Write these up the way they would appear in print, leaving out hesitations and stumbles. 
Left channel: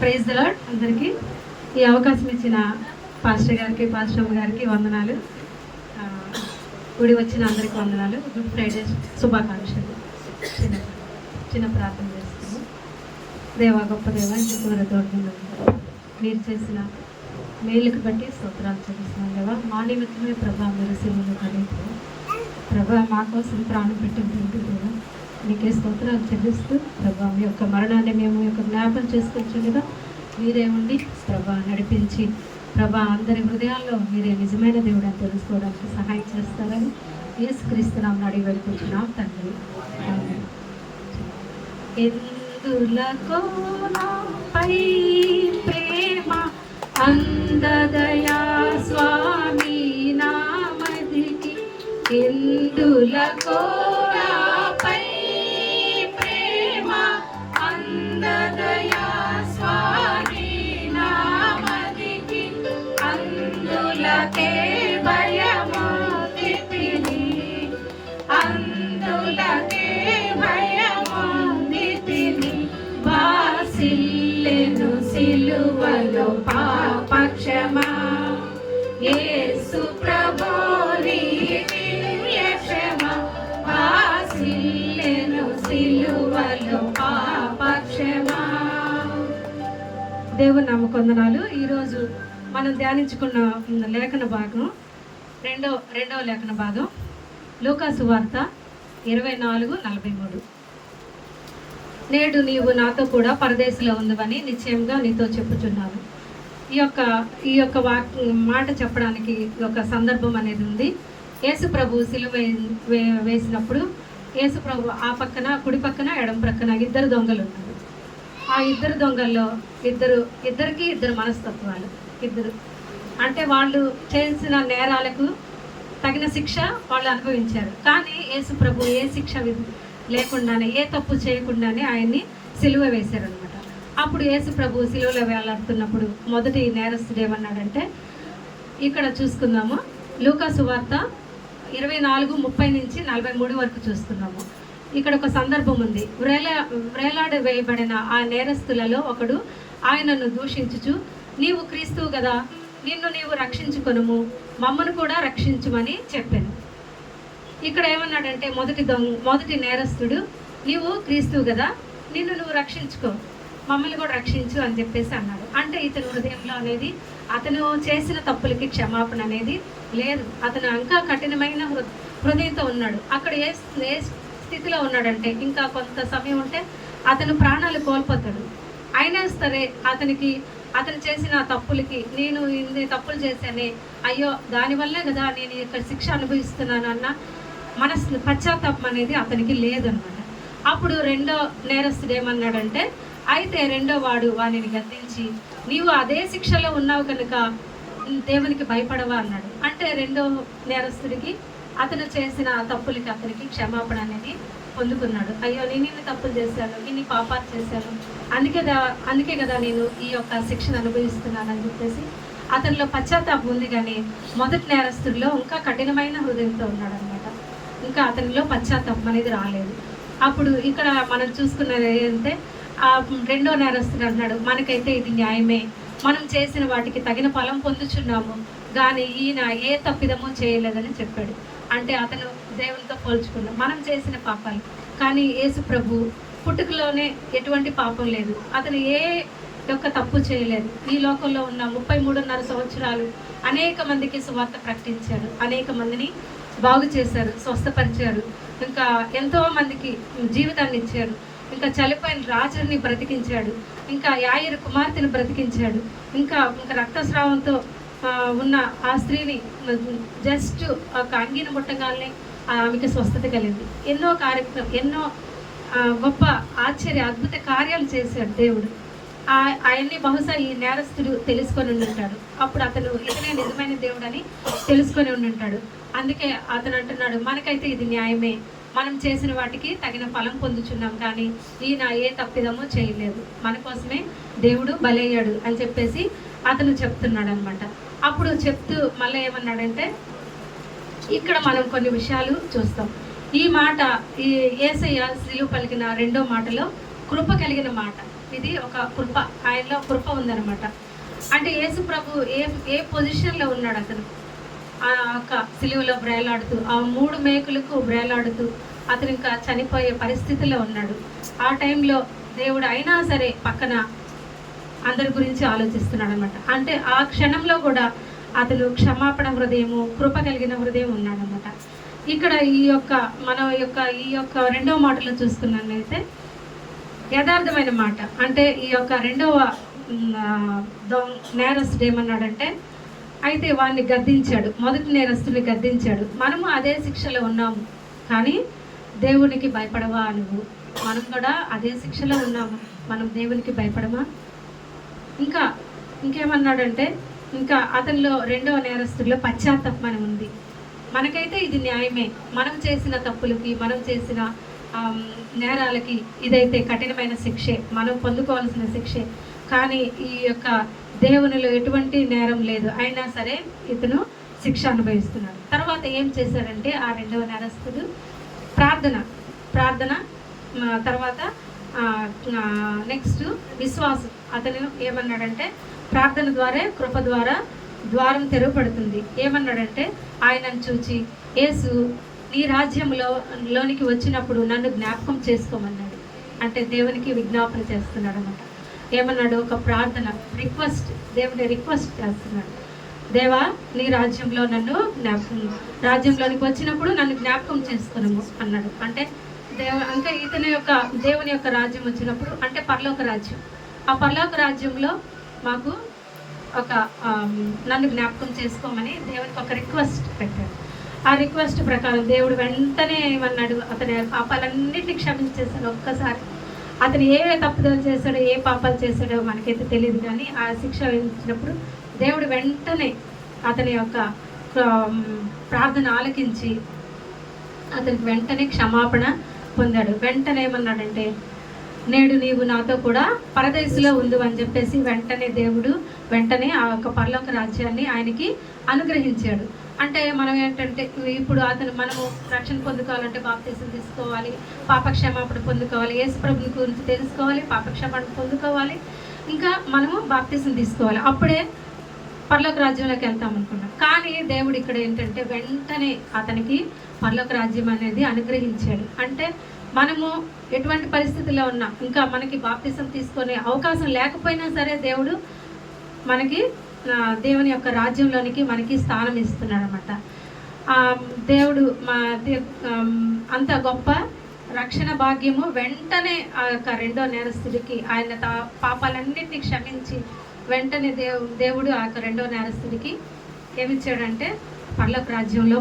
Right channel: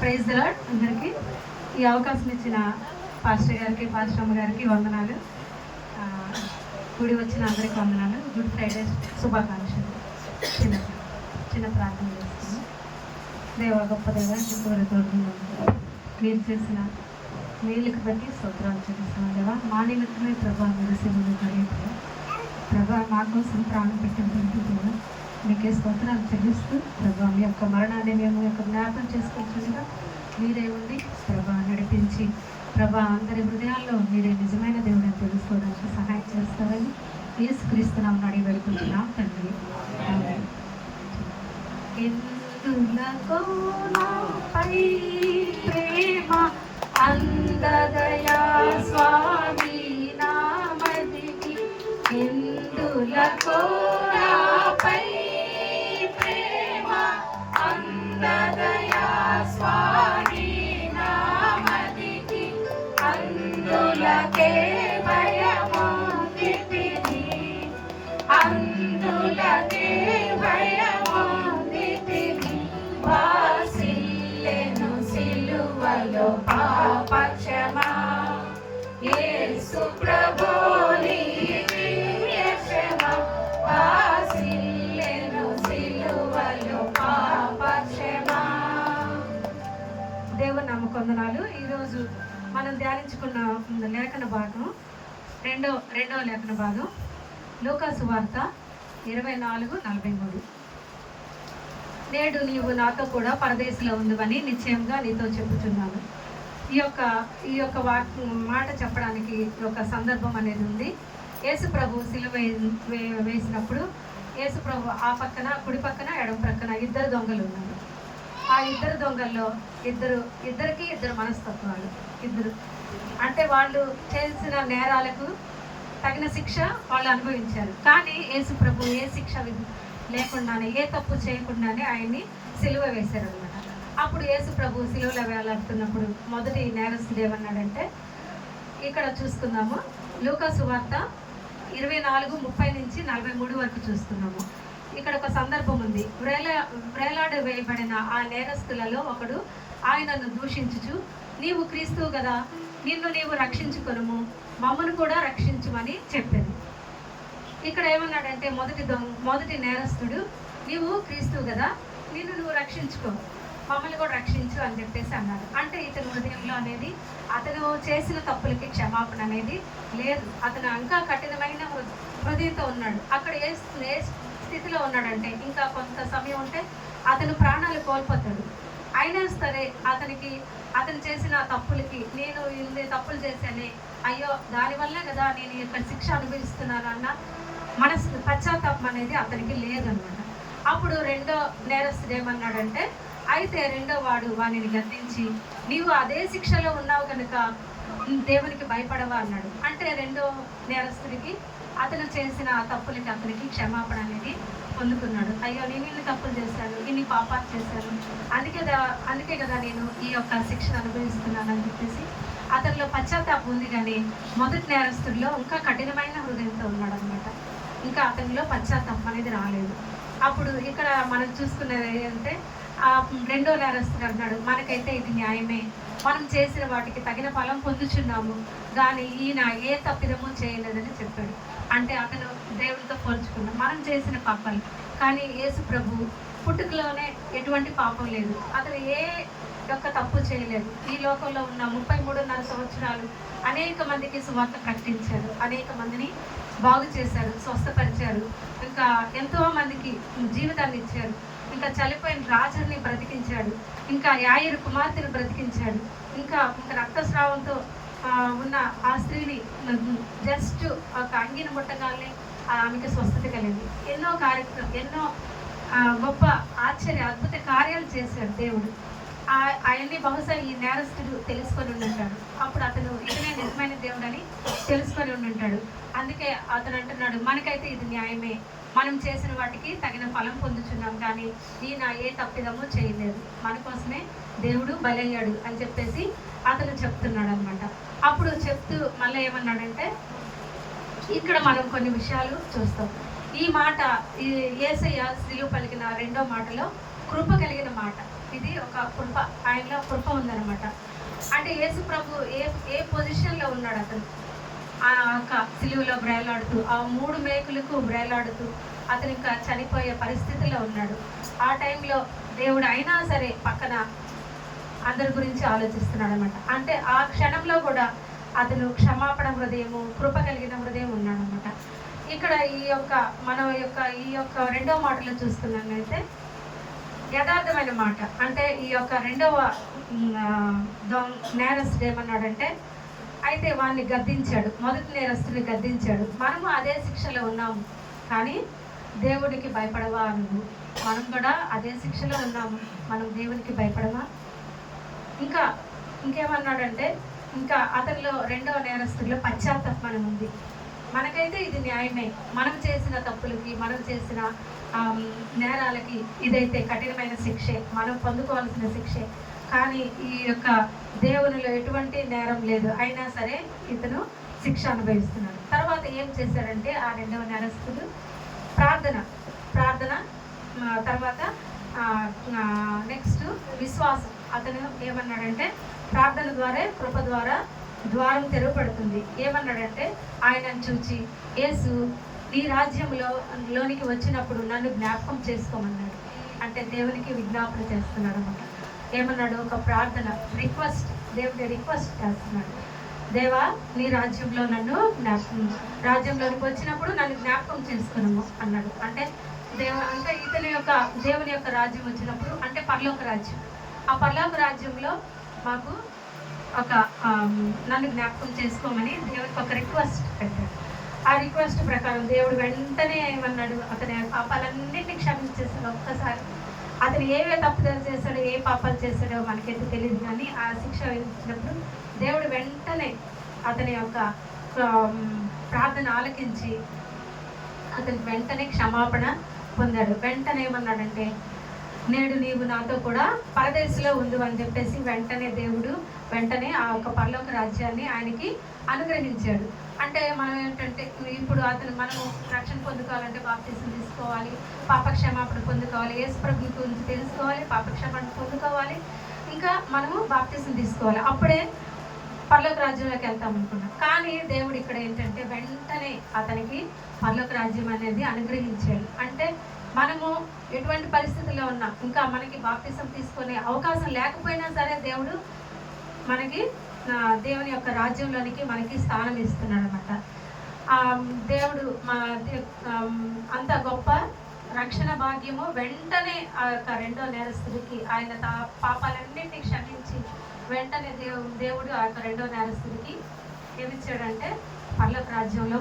Praise the lord. అందరికీ ఈ అవకాశం ఇచ్చిన పాస్టర్ గారికి, పాస్టర్ అమ్మ గారికి వందనాలు. గుడి వచ్చిన అందరికి వందనాలు. గుడ్ ఫ్రైడే శుభాకాంక్షలు. చిన్న ప్రార్థన చేస్తున్నాము. దేవ, గొప్ప దేవ, దూరదూరంలో మీరు చేసిన మేలుకు బట్టి స్తోత్రాలు చెల్లిస్తున్నాం దేవా. మా నిమిత్తమే ప్రభా మీరు సెలవులు కలిగి ప్రభా మా కోసం ప్రాణం పెట్టింటూ దేవా మీకే స్తోత్రాలు చెల్లిస్తూ ప్రభా మీ యొక్క మరణాన్ని మేము యొక్క జ్ఞాపకం చేసుకుంటుండగా మీరే ఉండి ప్రభా నడిపించి ప్రభా అందరి హృదయాల్లో మీరే నిజమైన దేవుడు అని తెలుసుకోవడానికి సహాయం చేస్తారని యేసుక్రీస్తునామమున అడిగి వేడుకుంటున్నాం తండ్రి. ఎందులకో నాపై ప్రేమ అందదయా స్వామి నామదికి, ఎందులకో నాపై ప్రేమ అందదయా స్వామి నామదికి, అందులకే భయముందితిని, అందులకే భయముందితిని, వాసిల్లెను సిలువలో పాపక్షమా యేసు ప్రభు నీ దివ్య క్షమ, వాసిల్లెను సిలువలో పాపక్షమా. దేవుని నామమునకు వందనాలు. ఈరోజు మనం ధ్యానించుకున్న లేఖన భాగం రెండవ లేఖన భాగం లూకా సువార్త 24:43. నేడు నీవు నాతో కూడా పరదేశంలో ఉన్నవని నిశ్చయంగా నీతో చెప్పుచున్నాను. ఈ యొక్క మాట చెప్పడానికి ఒక సందర్భం అనేది ఉంది. యేసు ప్రభు సిలువ వేసినప్పుడు యేసు ప్రభు ఆ పక్కన, కుడి పక్కన, ఎడమ ప్రక్కన ఇద్దరు దొంగలు ఉన్నారు. ఆ ఇద్దరు దొంగల్లో ఇద్దరికి ఇద్దరు మనస్తత్వాలు. ఇద్దరు అంటే వాళ్ళు చేసిన నేరాలకు తగిన శిక్ష వాళ్ళు అనుభవించారు. కానీ యేసు ప్రభు ఏ శిక్ష లేకుండానే, ఏ తప్పు చేయకుండానే ఆయన్ని సిలువ వేశారనమాట. అప్పుడు యేసు ప్రభు సిలువలో వేలాడుతున్నప్పుడు మొదటి నేరస్తుడు ఏమన్నాడంటే, ఇక్కడ చూసుకుందాము. లూకా సువార్త 24:30-43 వరకు చూస్తున్నాము. ఇక్కడ ఒక సందర్భం ఉంది. వ్రేలాడ వేయబడిన ఆ నేరస్తులలో ఒకడు ఆయనను దూషించుచు, నీవు క్రీస్తువు కదా, నిన్ను నీవు రక్షించుకొనుము, మమ్మను కూడా రక్షించుమని చెప్పాను. ఇక్కడ ఏమన్నాడంటే మొదటి నేరస్తుడు, నీవు క్రీస్తువు కదా, నిన్ను నువ్వు రక్షించుకో, మమ్మల్ని కూడా రక్షించు అని చెప్పేసి అన్నాడు. అంటే ఇతని హృదయంలో అనేది అతను చేసిన తప్పులకి క్షమాపణ అనేది లేదు. అతను ఇంకా కఠినమైన హృదయంతో ఉన్నాడు. అక్కడ ఏ స్థితిలో ఉన్నాడంటే, ఇంకా కొంత సమయం ఉంటే అతను ప్రాణాలు కోల్పోతాడు. అయినా సరే అతను చేసిన తప్పులకి, నేను ఇన్ని తప్పులు చేశానే, అయ్యో దానివల్లే కదా నేను ఇక్కడ శిక్ష అనుభవిస్తున్నానన్న పశ్చాత్తాపం అనేది అతనికి లేదనమాట. అప్పుడు రెండో నేరస్తుడు ఏమన్నాడంటే, అయితే రెండో వాడు వానిని గద్దించి, నీవు అదే శిక్షలో ఉన్నావు కనుక దేవునికి భయపడవా అన్నాడు. అంటే రెండో నేరస్తుడికి అతను చేసిన తప్పులకి అతనికి క్షమాపణ అనేది పొందుకున్నాడు. అయ్యో నేను ఇన్ని తప్పులు చేశాను, ఇన్ని పాపాలు చేశాను, అందుకే కదా నేను ఈ యొక్క శిక్షను అనుభవిస్తున్నాను అని చెప్పేసి అతనిలో పశ్చాత్తాపం ఉంది. కానీ మొదటి నేరస్తుడిలో ఇంకా కఠినమైన హృదయంతో ఉన్నాడు అనమాట. ఇంకా అతనిలో పశ్చాత్తాపం అనేది రాలేదు. అప్పుడు ఇక్కడ మనం చూసుకున్నది ఏంటంటే, ఆ రెండో నేరస్తుడు అంటున్నాడు, మనకైతే ఇది న్యాయమే, మనం చేసిన వాటికి తగిన ఫలం పొందుచున్నాము, కానీ ఈయన ఏ తప్పిదమో చేయలేదని చెప్పాడు. అంటే అతను దేవునితో పోల్చుకున్నాడు మనం చేసిన పాపాలు. కానీ యేసు ప్రభు పుట్టుకలోనే ఎటువంటి పాపం లేదు, అతను ఏ యొక్క తప్పు చేయలేదు. ఈ లోకంలో ఉన్న 33.5 సంవత్సరాలు అనేక మందికి సువార్త ప్రకటించారు, అనేక మందిని బాగు చేశారు, స్వస్థపరిచారు, ఇంకా ఎంతో మందికి జీవితాన్ని ఇచ్చారు, ఇంకా చనిపోయిన రాజుని బ్రతికించాడు, ఇంకా యాయిరు కుమార్తెను బ్రతికించాడు, ఇంకా రక్తస్రావంతో ఉన్న ఆ స్త్రీని జస్ట్ ఒక అంగిని ముట్టగానే ఆమెకి స్వస్థత కలిగింది. ఎన్నో గొప్ప అద్భుత కార్యాలు చేశాడు దేవుడు. ఆయన్ని బహుశా ఈ నేరస్తుడు తెలుసుకొని ఉంటాడు. అప్పుడు అతను ఇతనే నిజమైన దేవుడు అని తెలుసుకొని ఉంటాడు. అందుకే అతను అంటున్నాడు, మనకైతే ఇది న్యాయమే, మనం చేసిన వాటికి తగిన ఫలం పొందుచున్నాం, కానీ ఈయన ఏ తప్పిదమో చేయలేదు, మన కోసమే దేవుడు బలయ్యాడు అని చెప్పేసి అతను చెప్తున్నాడు అనమాట. అప్పుడు చెప్తూ మళ్ళీ ఏమన్నాడంటే, ఇక్కడ మనం కొన్ని విషయాలు చూస్తాం. ఈ మాట ఈ యేసయ్య సిలువ పలికిన రెండో మాటలో కృప కలిగిన మాట. ఇది ఒక కృప, ఆయనలో కృప ఉందన్నమాట. అంటే యేసు ప్రభు ఏ ఏ పొజిషన్లో ఉన్నాడు అతను, ఆ యొక్క సిలువలో బ్రేలాడుతూ, ఆ 3 మేకులకు బ్రేలాడుతూ అతను ఇంకా చనిపోయే పరిస్థితిలో ఉన్నాడు. ఆ టైంలో దేవుడు అయినా సరే పక్కన అందరి గురించి ఆలోచిస్తున్నాడు అనమాట. అంటే ఆ క్షణంలో కూడా అతను క్షమాపణ హృదయము, కృప కలిగిన హృదయం ఉన్నాడనమాట. ఇక్కడ ఈ యొక్క రెండవ మాటలో చూసుకున్నట్లయితే యథార్థమైన మాట. అంటే ఈ యొక్క రెండవ నేరస్తుడు ఏమన్నాడంటే, అయితే వాడిని గద్దించాడు, మొదటి నేరస్తుడిని గద్దించాడు. మనము అదే శిక్షలో ఉన్నాము, కానీ దేవునికి భయపడవా నువ్వు? మనం కూడా అదే శిక్షలో ఉన్నాము, మనం దేవునికి భయపడమా? ఇంకేమన్నాడంటే, ఇంకా అతనిలో రెండవ నేరస్తుడిలో పశ్చాత్తాపం ఉంది. మనకైతే ఇది న్యాయమే, మనం చేసిన తప్పులకి, మనం చేసిన నేరాలకి ఇదైతే కఠినమైన శిక్షే, మనం పొందుకోవాల్సిన శిక్షే. కానీ ఈ యొక్క దేవునిలో ఎటువంటి నేరం లేదు, అయినా సరే ఇతను శిక్ష అనుభవిస్తున్నాడు. తర్వాత ఏం చేశారంటే ఆ రెండవ నేరస్తుడు ప్రార్థన తర్వాత నెక్స్ట్ విశ్వాసం. అతను ఏమన్నాడంటే, ప్రార్థన ద్వారా, కృప ద్వారా ద్వారం తెరవబడుతుంది. ఏమన్నాడంటే, ఆయనను చూచి, యేసు నీ రాజ్యంలోనికి వచ్చినప్పుడు నన్ను జ్ఞాపకం చేసుకోమన్నాడు. అంటే దేవునికి విజ్ఞాపన చేస్తున్నాడు అన్నమాట. ఏమన్నాడు? ఒక ప్రార్థన, రిక్వెస్ట్, దేవుని రిక్వెస్ట్ చేస్తున్నాడు. దేవా, నీ రాజ్యంలో నన్ను రాజ్యంలోనికి వచ్చినప్పుడు నన్ను జ్ఞాపకం చేసుకున్నాము అన్నాడు. అంటే ఇంకా దేవుని యొక్క రాజ్యం వచ్చినప్పుడు, అంటే పరలోక రాజ్యం, ఆ పరలోక రాజ్యంలో మాకు ఒక నన్ను జ్ఞాపకం చేసుకోమని దేవునికి ఒక రిక్వెస్ట్ పెట్టాడు. ఆ రిక్వెస్ట్ ప్రకారం దేవుడు వెంటనే ఏమన్నాడు, అతని పాపాలన్నింటినీ క్షమించేశాడు. ఒక్కసారి అతను ఏ తప్పుదలు చేశాడో, ఏ పాపాలు చేశాడో మనకైతే తెలియదు, కానీ ఆ శిక్ష విధించినప్పుడు దేవుడు వెంటనే అతని యొక్క ప్రార్థన ఆలకించి అతనికి వెంటనే క్షమాపణ పొందాడు. వెంటనే ఏమన్నాడంటే, నేడు నీవు నాతో కూడా పరదేశంలో ఉండు అని చెప్పేసి వెంటనే ఆ యొక్క పరలోక రాజ్యాన్ని ఆయనకి అనుగ్రహించాడు. అంటే మనం ఏంటంటే, ఇప్పుడు మనము రక్షణ పొందుకోవాలంటే బాప్తిసం తీసుకోవాలి, పాపక్షమాపణ పొందుకోవాలి, యేసు ప్రభువు గురించి తెలుసుకోవాలి, పాపక్షమాపణ పొందుకోవాలి, ఇంకా మనము బాప్తిసం తీసుకోవాలి, అప్పుడే పరలోక రాజ్యంలోకి వెళ్తాం అనుకున్నాం. కానీ దేవుడు ఇక్కడ ఏంటంటే వెంటనే అతనికి పరలోక రాజ్యం అనేది అనుగ్రహించాడు. అంటే మనము ఎటువంటి పరిస్థితుల్లో ఉన్నా, ఇంకా మనకి బాప్తిసం తీసుకునే అవకాశం లేకపోయినా సరే దేవుడు మనకి దేవుని యొక్క రాజ్యంలోనికి మనకి స్థానం ఇస్తున్నాడు అనమాట. దేవుడు అంత గొప్ప రక్షణ భాగ్యము వెంటనే ఆ యొక్క రెండో నేరస్తుడికి ఆయన పాపాలన్నింటినీ క్షమించి వెంటనే దేవుడు ఆ యొక్క రెండో నేరస్తుడికి ఏమిచ్చాడంటే పరలోక రాజ్యంలో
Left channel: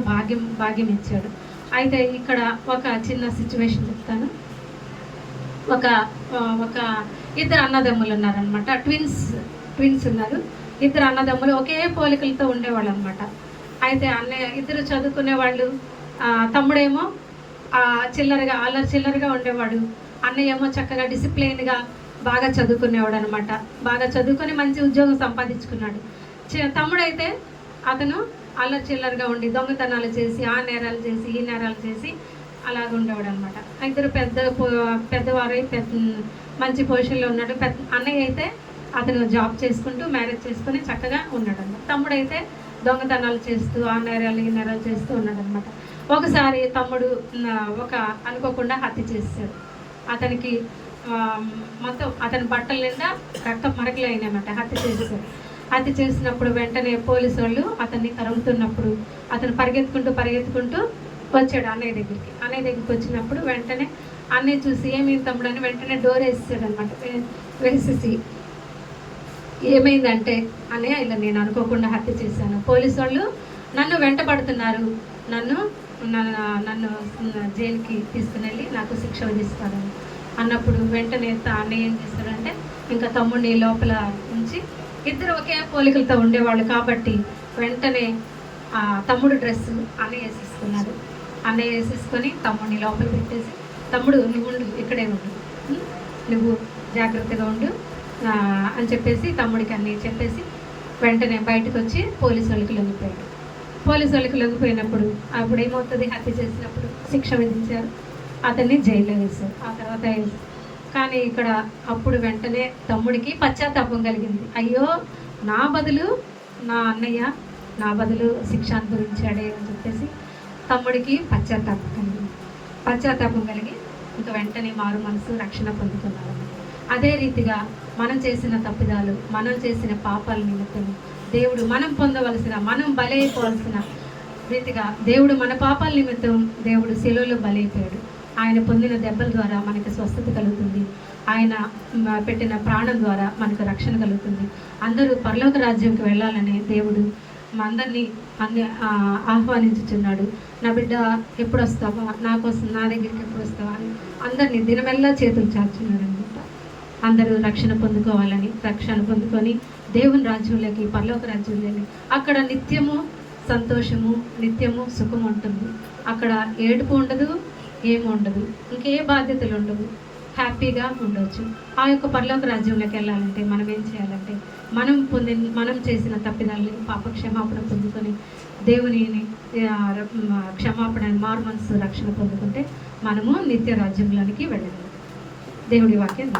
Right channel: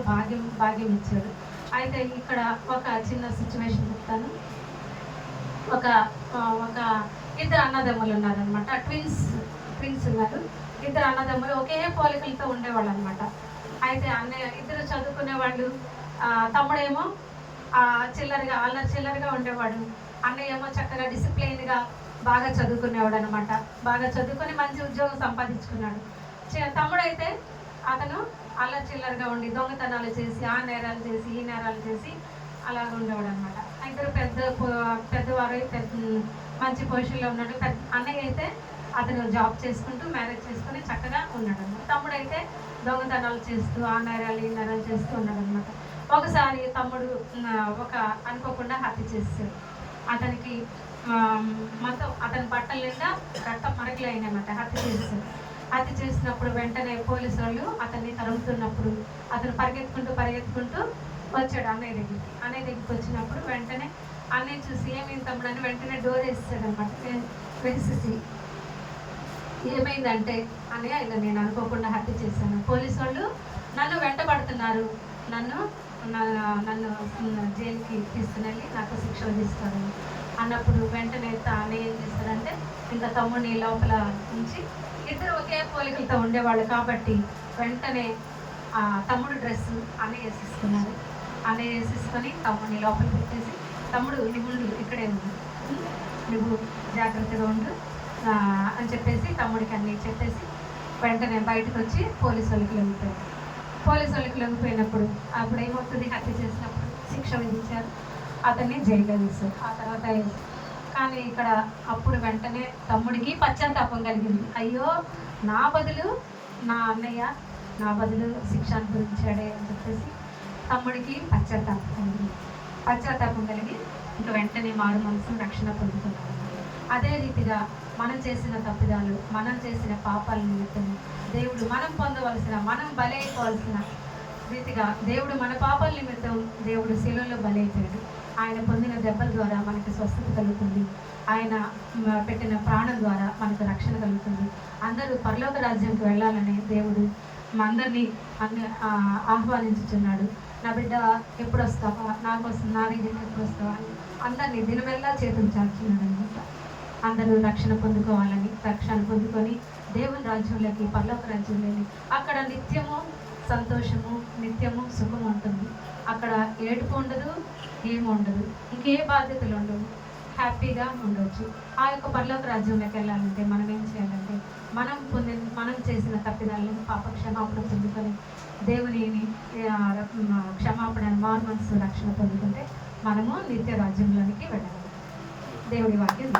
భాగ్యం ఇచ్చాడు. అయితే ఇక్కడ ఒక చిన్న సిచ్యువేషన్ చెప్తాను. ఒక ఇద్దరు అన్నదమ్ములు ఉన్నారనమాట, ట్విన్స్ ఉన్నారు. ఇద్దరు అన్నదమ్ములు ఒకే పోలికలతో ఉండేవాళ్ళు అనమాట. అయితే ఇద్దరు చదువుకునే వాళ్ళు. తమ్ముడేమో చిల్లరగా ఉండేవాడు, అన్నయ్య ఏమో చక్కగా డిసిప్లైన్గా బాగా చదువుకునేవాడు అనమాట. బాగా చదువుకొని మంచి ఉద్యోగం సంపాదించుకున్నాడు. తమ్ముడైతే అతను చిల్లరగా ఉండి దొంగతనాలు చేసి, ఆ నేరాలు చేసి, ఈ నేరాలు చేసి అలాగ ఉండేవాడు అనమాట. ఇద్దరు పెద్దవారై మంచి పొజిషన్లో ఉన్నాడు. అన్నయ్య అయితే అతను జాబ్ చేసుకుంటూ మ్యారేజ్ చేసుకుని చక్కగా ఉన్నాడు అనమాట. తమ్ముడైతే దొంగతనాలు చేస్తూ, ఆ నేరాలు, ఈ నేరాలు చేస్తూ ఉన్నాడు అనమాట. ఒకసారి తమ్ముడు అనుకోకుండా హత్య చేశాడు. అతనికి మొత్తం అతని బట్టల నిండా రక్త మరకలు అయినాయన్నమాట. హత్య చేసినప్పుడు వెంటనే పోలీసు వాళ్ళు అతన్ని తరుముతున్నప్పుడు అతను పరిగెత్తుకుంటూ వచ్చాడు అన్నయ్య దగ్గరికి వచ్చినప్పుడు వెంటనే అన్నయ్య చూసి, ఏమైంది తమ్ముడు అని వెంటనే డోర్ వేసేసాడు అనమాట. వేసేసి, ఏమైందంటే, అన్నయ్య ఇలా నేను అనుకోకుండా హత్య చేశాను, పోలీసు వాళ్ళు నన్ను వెంటబడుతున్నారు, నన్ను జైలుకి తీసుకుని నాకు శిక్ష విధిస్తారు అన్నప్పుడు వెంటనే అన్నయ్య ఏం చేస్తాడంటే, ఇంకా తమ్ముడిని లోపల ఉంచి, ఇద్దరు ఒకే పోలికలతో ఉండేవాళ్ళు కాబట్టి వెంటనే తమ్ముడు డ్రెస్సు అన్నయ్య వేసేసుకున్నారు. అన్నయ్య వేసేసుకొని తమ్ముడిని లోపల పెట్టేసి, తమ్ముడు నువ్వు ఉండు, ఇక్కడే ఉండు, నువ్వు జాగ్రత్తగా ఉండు అని చెప్పేసి తమ్ముడికి అన్నీ చెప్పేసి వెంటనే బయటకు వచ్చి పోలీసు వాళ్ళకి లొంగిపోయాడు. పోలీసు వాళ్ళకి లొంగిపోయినప్పుడు అప్పుడు ఏమవుతుంది, హత్య చేసినప్పుడు శిక్ష విధించారు, అతన్ని జైల్లో వేశారు. ఆ తర్వాత కానీ ఇక్కడ అప్పుడు వెంటనే తమ్ముడికి పశ్చాత్తాపం కలిగింది. అయ్యో, నా బదులు నా అన్నయ్య నా బదులు శిక్ష అనుభవించాడే అని చెప్పేసి తమ్ముడికి పశ్చాత్తాపం కలిగి ఇంకా వెంటనే మారు మనసు రక్షణ పొందుతున్నారు. అదే రీతిగా మనం చేసిన తప్పిదాలు, మనం చేసిన పాపాల నిమిత్తం దేవుడు మనం బలైపోవాల్సిన రీతిగా దేవుడు మన పాపాల నిమిత్తం దేవుడు శిలువలో బలైపోయాడు. ఆయన పొందిన దెబ్బల ద్వారా మనకి స్వస్థత కలుగుతుంది. ఆయన పెట్టిన ప్రాణం ద్వారా మనకు రక్షణ కలుగుతుంది. అందరూ పరలోక రాజ్యంకి వెళ్ళాలని దేవుడు మా అందరినీ ఆహ్వానించుచున్నాడు. నా బిడ్డ ఎప్పుడు వస్తావా, నా దగ్గరికి ఎప్పుడు వస్తావా అని అందరినీ దినమెల్లా చేతులు చాచున్నాడు అనమాట. అందరూ రక్షణ పొందుకొని దేవుని రాజ్యంలోకి, పరలోక రాజ్యంలోకి, అక్కడ నిత్యము సంతోషము, నిత్యము సుఖం ఉంటుంది. అక్కడ ఏడుపు ఉండదు, ఏమి ఉండదు, ఇంకే బాధ్యతలు ఉండవు, హ్యాపీగా ఉండవచ్చు. ఆ యొక్క పరలోక రాజ్యంలోకి వెళ్ళాలంటే మనం ఏం చేయాలంటే మనం చేసిన తప్పిదాలను పాప క్షమాపణ పొందుకొని దేవునిని క్షమాపణ మారు మనసు రక్షణ పొందుకుంటే మనము నిత్య రాజ్యంలోనికి వెళ్ళగలం. దేవుడి వాక్యం